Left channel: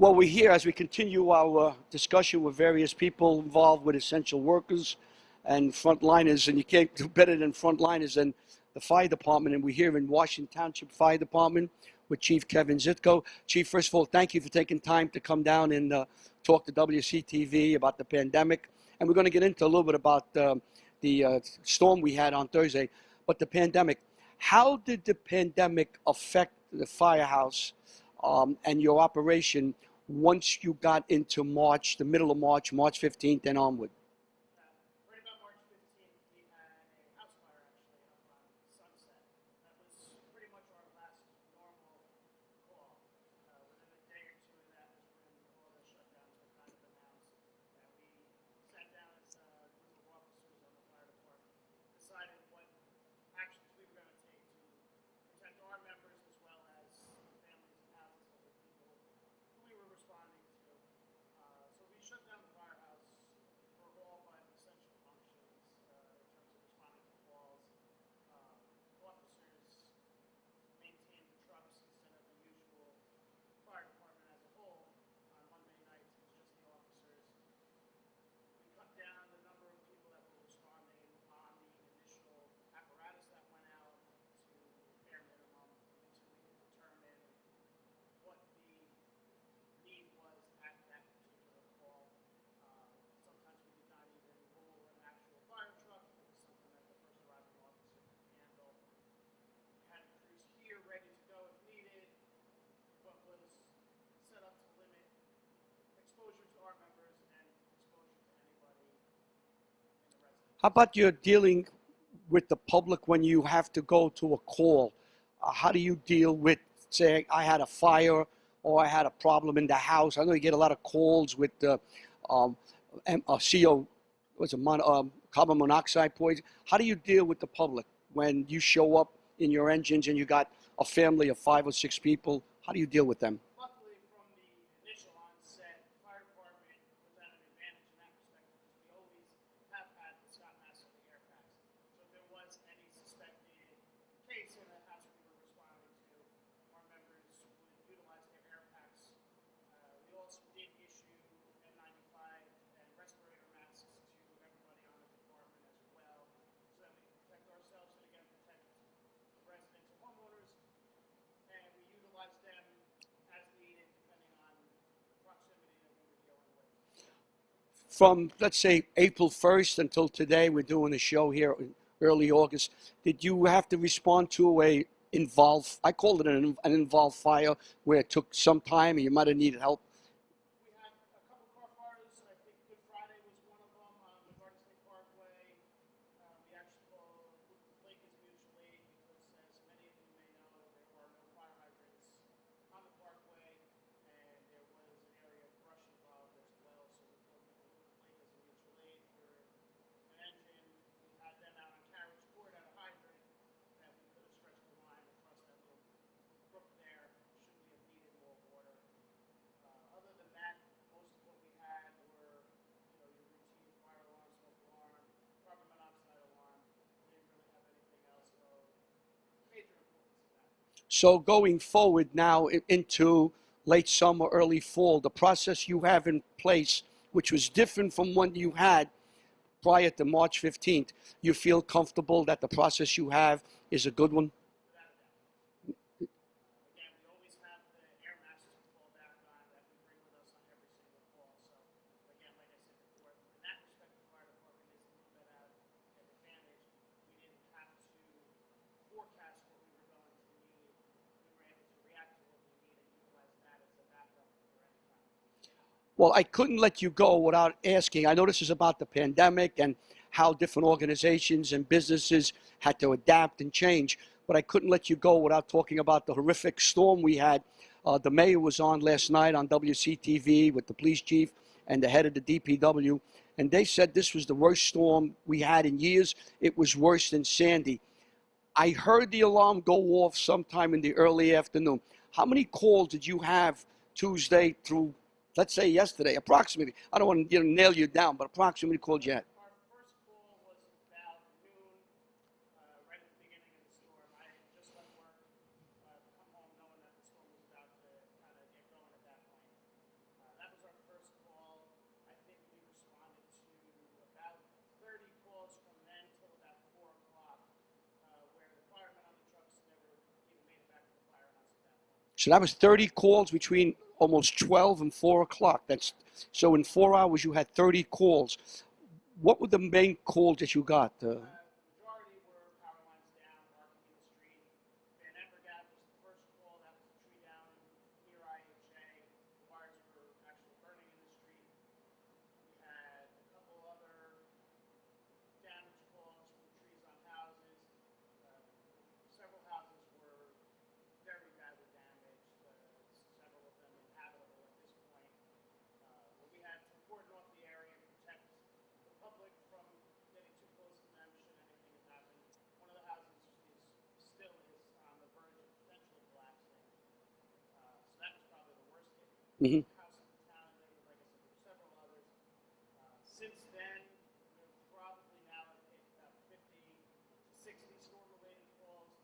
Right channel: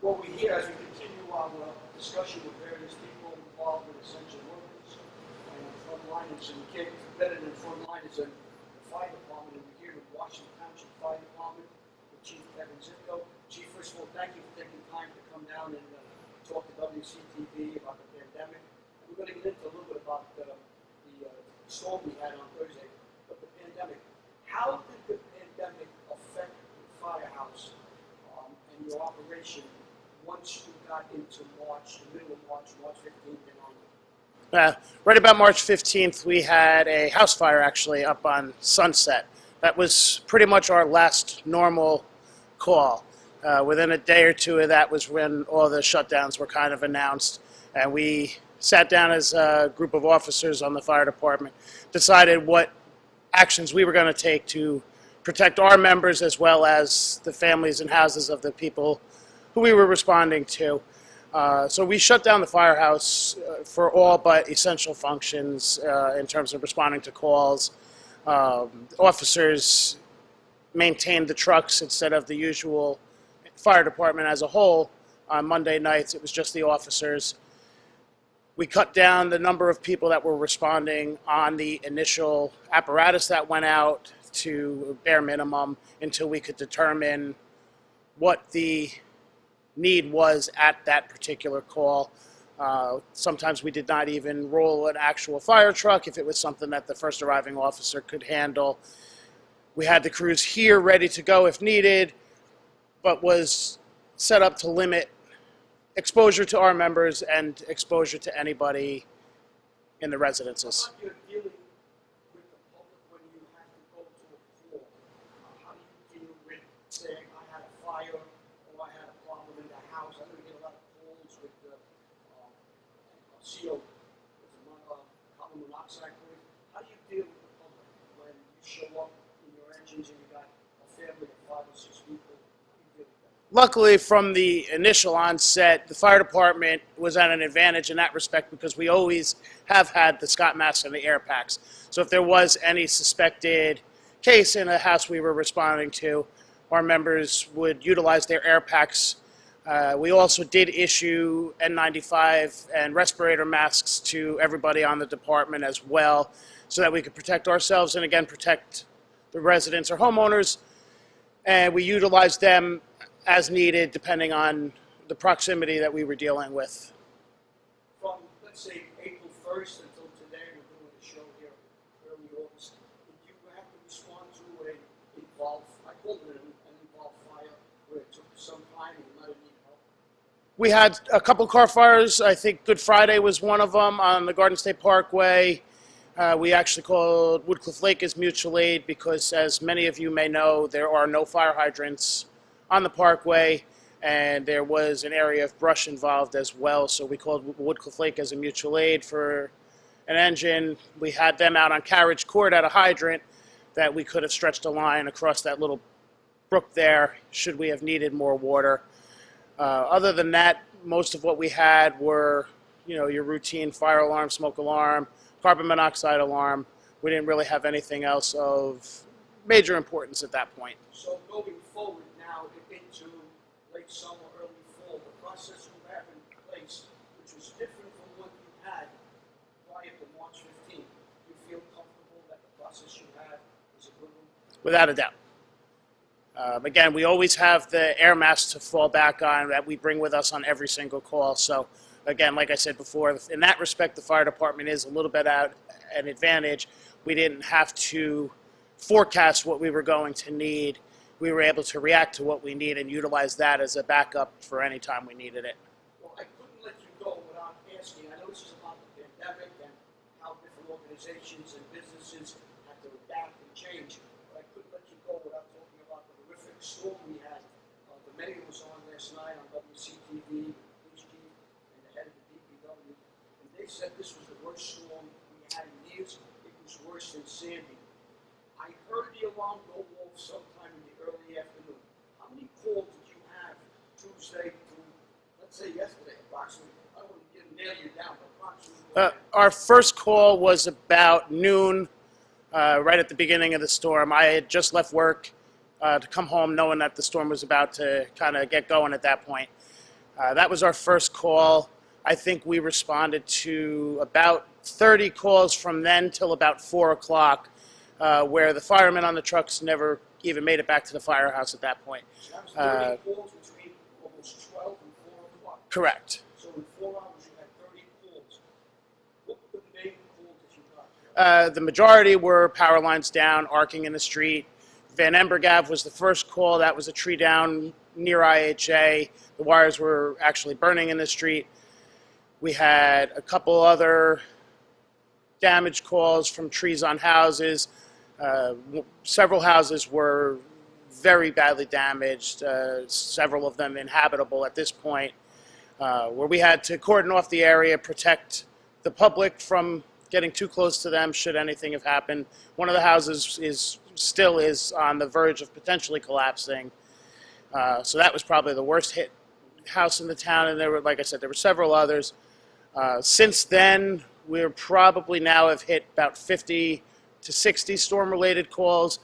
Well, we're here as we continue our discussion with various people involved with essential workers and frontliners, and you can't do better than frontliners than the fire department. And we're here in Washington Township Fire Department with Chief Kevin Zitko. Chief, first of all, thank you for taking time to come down and talk to WCTV about the pandemic. And we're going to get into a little bit about the storm we had on Thursday. But the pandemic, how did the pandemic affect the firehouse and your operation once you got into March, the middle of March, March 15th and onward? Right about March 15th, we had a house fire actually up on Sunset. That was pretty much our last normal call. Within a day or two of that was when all the shutdowns were kind of announced. And we sat down as a group of officers on the fire department, decided what actions we were going to take to protect our members as well as the families and houses of the people who we were responding to. So we shut down the firehouse for all but essential functions in terms of responding to calls. Officers maintained the trucks instead of the usual fire department as a whole. On Monday nights, it was just the officers. We cut down the number of people that were responding on the initial apparatus that went out to bare minimum until we could determine what the need was at that particular call. Sometimes we did not even roll an actual fire truck if it was something that the first arriving officer could handle. We had the crews here ready to go if needed, but was set up to limit exposure to our members and exposure to anybody in the residences. How about you're dealing with the public when you have to go to a call? How do you deal with saying, I had a fire or I had a problem in the house? I know you get a lot of calls with CO, carbon monoxide poison. How do you deal with the public when you show up in your engines and you got a family of 5 or 6 people? How do you deal with them? Luckily, from the initial onset, the fire department was at an advantage in that respect because we always have had the Scott masks and the air packs. So if there was any suspected case in a house we were responding to, our members would utilize their air packs. We also did issue N95 and respirator masks to everybody on the department as well, so that we could protect ourselves and, again, protect the residents or homeowners. And we utilized them as needed depending on the proximity that we were dealing with. From, let's say, April 1st until today, we're doing a show here in early August. Did you have to respond to a involved, I called it an involved fire, where it took some time and you might have needed help? We had a couple car fires. I think Good Friday was one of them on the Garden State Parkway. We actually called Woodcliff Lake as mutual aid because, as many of you may know, there are no fire hydrants on the parkway, and there was an area of brush involved as well. So we called Woodcliff Lake as a mutual aid for an engine. We had them out on Carriage Court at a hydrant that we could have stretched a line across that little brook there should we have needed more water. Other than that, most of what we had were, your routine fire alarm, smoke alarm, carbon monoxide alarm. We didn't really have anything else of major importance at that point. So going forward now into late summer, early fall, the process you have in place, which was different from what you had prior to March 15th, you feel comfortable that the process you have is a good one? Without a doubt. Again, we always have the air masks to fall back on that we bring with us on every single call. So again, like I said before, in that respect, the fire department is a little bit at an advantage. We didn't have to forecast what we were going to need. We were able to react to what we need and utilize that as a backup for any time we needed it. Well, I couldn't let you go without asking. I know this is about the pandemic and how different organizations and businesses had to adapt and change, but I couldn't let you go without talking about the horrific storm we had. The mayor was on last night on WCTV with the police chief and the head of the DPW, and they said this was the worst storm we had in years. It was worse than Sandy. I heard the alarm go off sometime in the early afternoon. How many calls did you have Tuesday through, let's say, yesterday, approximately? I don't want to nail you down, but approximately calls you had. Our first call was about noon, right at the beginning of the storm. I had just left work to come home knowing that the storm was about to kind of get going at that point. That was our first call. I think we responded to about 30 calls from then till about 4 o'clock, where the firemen on the trucks never even made it back to the firehouse at that point. So that was 30 calls between almost 12 and 4 o'clock. Correct. So in 4 hours, you had 30 calls. What were the main calls that you got? The majority were power lines down, arcing in the street. Van Embergav was the first call. That was a tree down near IHA. The wires were actually burning in the street. We had a couple other damage calls from trees on houses. Several houses were very badly damaged, several of them inhabitable at this point, where we had to cordon off the area, protect the public from getting too close to them should anything have happened. One of the houses still is on the verge of potentially collapsing. So that was probably the worst hit house in the town, and there were, like I said, there were several others. Since then, we're probably now have hit about 50 to 60 storm-related calls,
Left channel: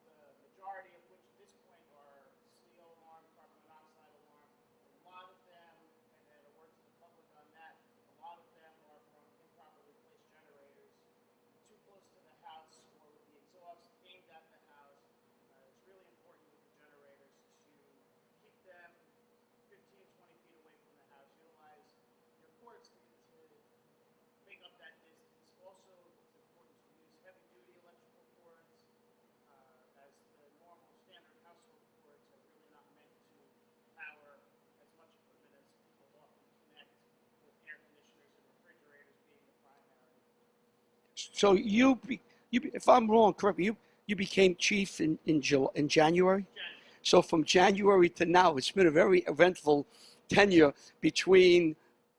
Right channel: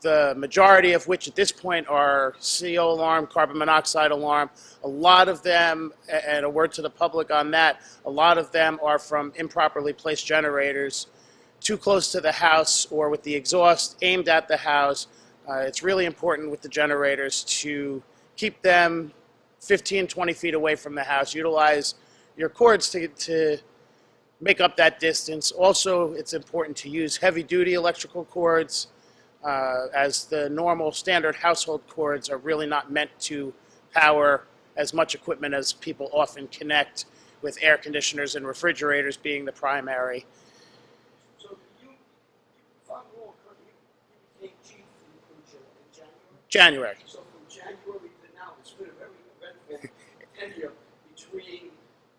the majority of which at this point are CO alarm, carbon monoxide alarm. A lot of them, and a word to the public on that, a lot of them are from improperly placed generators too close to the house or with the exhaust aimed at the house. It's really important with the generators to keep them 15, 20 feet away from the house. Utilize your cords to make up that distance. Also, it's important to use heavy-duty electrical cords, as the normal standard household cords are really not meant to power as much equipment as people often connect, with air conditioners and refrigerators being the primary. So if I'm wrong, correct me, you became chief in January? January. So from January to now, it's been a very eventful tenure between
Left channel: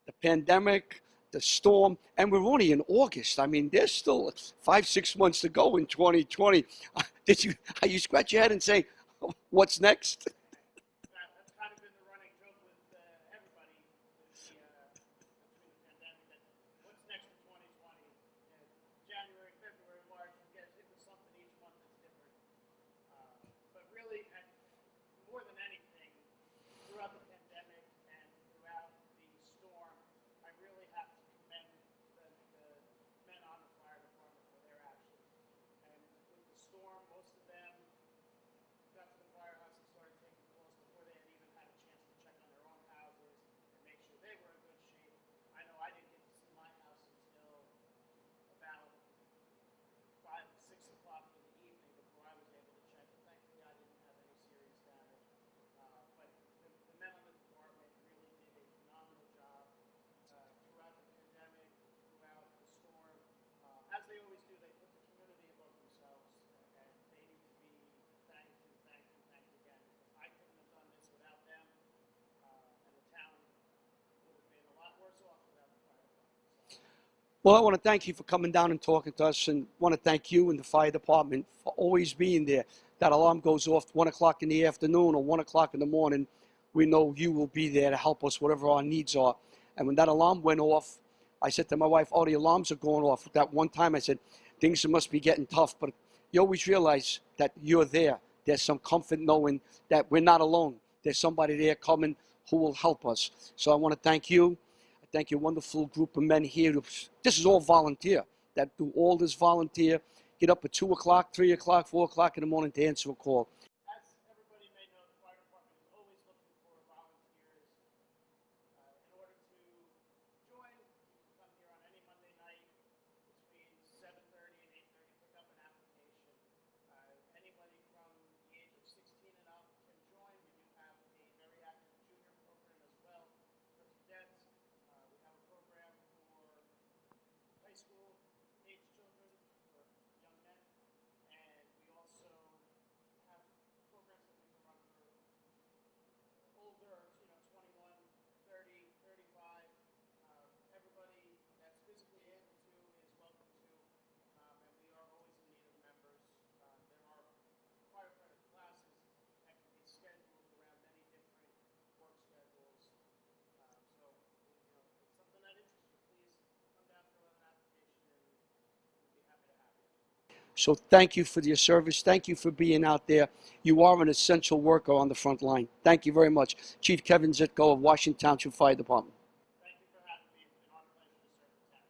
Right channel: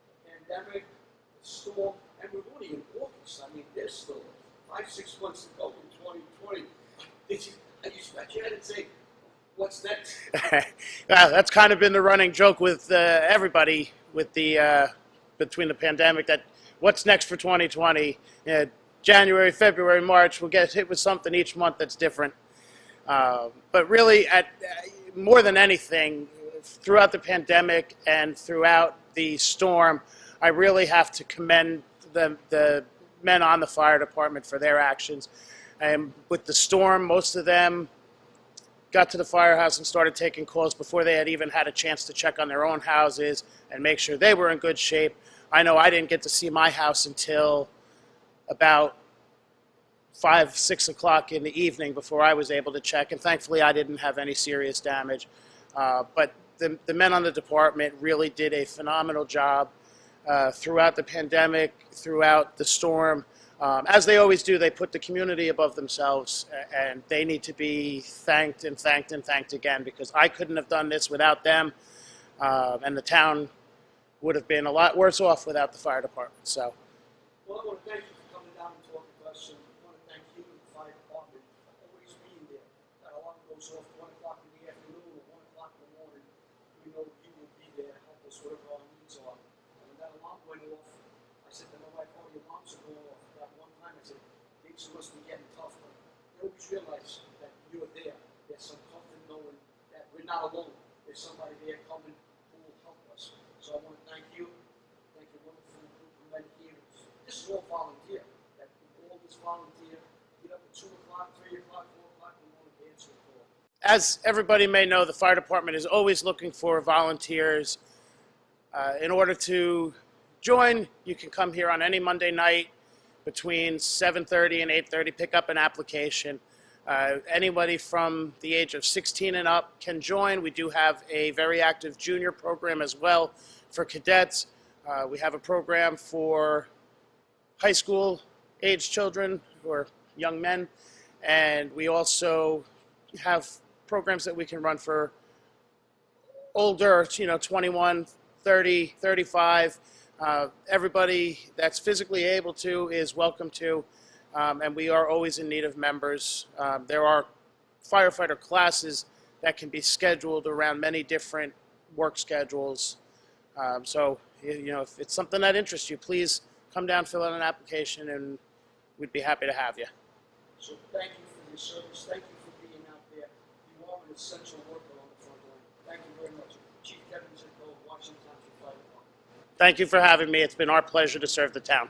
the pandemic, the storm, and we're only in August. I mean, there's still 5-6 months to go in 2020. Are you scratch your head and say, what's next? That's kind of been the running joke with everybody with the between the pandemic, that what's next for 2020? January, February, March, we'll get hit with something each month that's different. But really, more than anything, throughout the pandemic and throughout the storm, I really have to commend the men on the fire department for their actions. And with the storm, most of them got to the firehouse and started taking calls before they had even had a chance to check on their own houses and make sure they were in good shape. I know I didn't get to see my house until about 5, 6 o'clock in the evening before I was able to check, and thankfully I didn't have any serious damage. But the men on the department really did a phenomenal job throughout the pandemic, throughout the storm. As they always do, they put the community above themselves, and they need to be thanked and thanked and thanked again, because I couldn't have done this without them, and the town would have been a lot worse off without the fire department. So, Well, I want to thank you for coming down and talking to us, and want to thank you and the fire department for always being there. That alarm goes off 1 o'clock in the afternoon or 1 o'clock in the morning, we know you will be there to help us whatever our needs are. And when that alarm went off, I said to my wife, oh, the alarms are going off. That one time I said, things must be getting tough. But you always realize that you're there. There's some comfort knowing that we're not alone. There's somebody there coming who will help us. So I want to thank you. Thank your wonderful group of men here. This is all volunteer. That do all this volunteer. Get up at 2 o'clock, 3 o'clock, 4 o'clock in the morning to answer a call. as everybody may know, the fire department is always looking for volunteers. In order to join, you can come here on any Monday night between 7:30 and 8:30, pick up an application. Anybody from the age of 16 and up can join. We do have a very active junior program as well for cadets. We have a program for high school age children or young men, and we also have programs that we can run for older, 21, 30, 35. Everybody that's physically able to is welcome to, and we are always in need of members. There are firefighter classes that can be scheduled around many different work schedules. So, if it's something that interests you, please come down, fill out an application, and we'd be happy to have you. So thank you for your service. Thank you for being out there. You are an essential worker on the front line. Thank you very much. Chief Kevin Zitko of Washington Township Fire Department. Thank you for having me. It's been our pleasure to serve the town.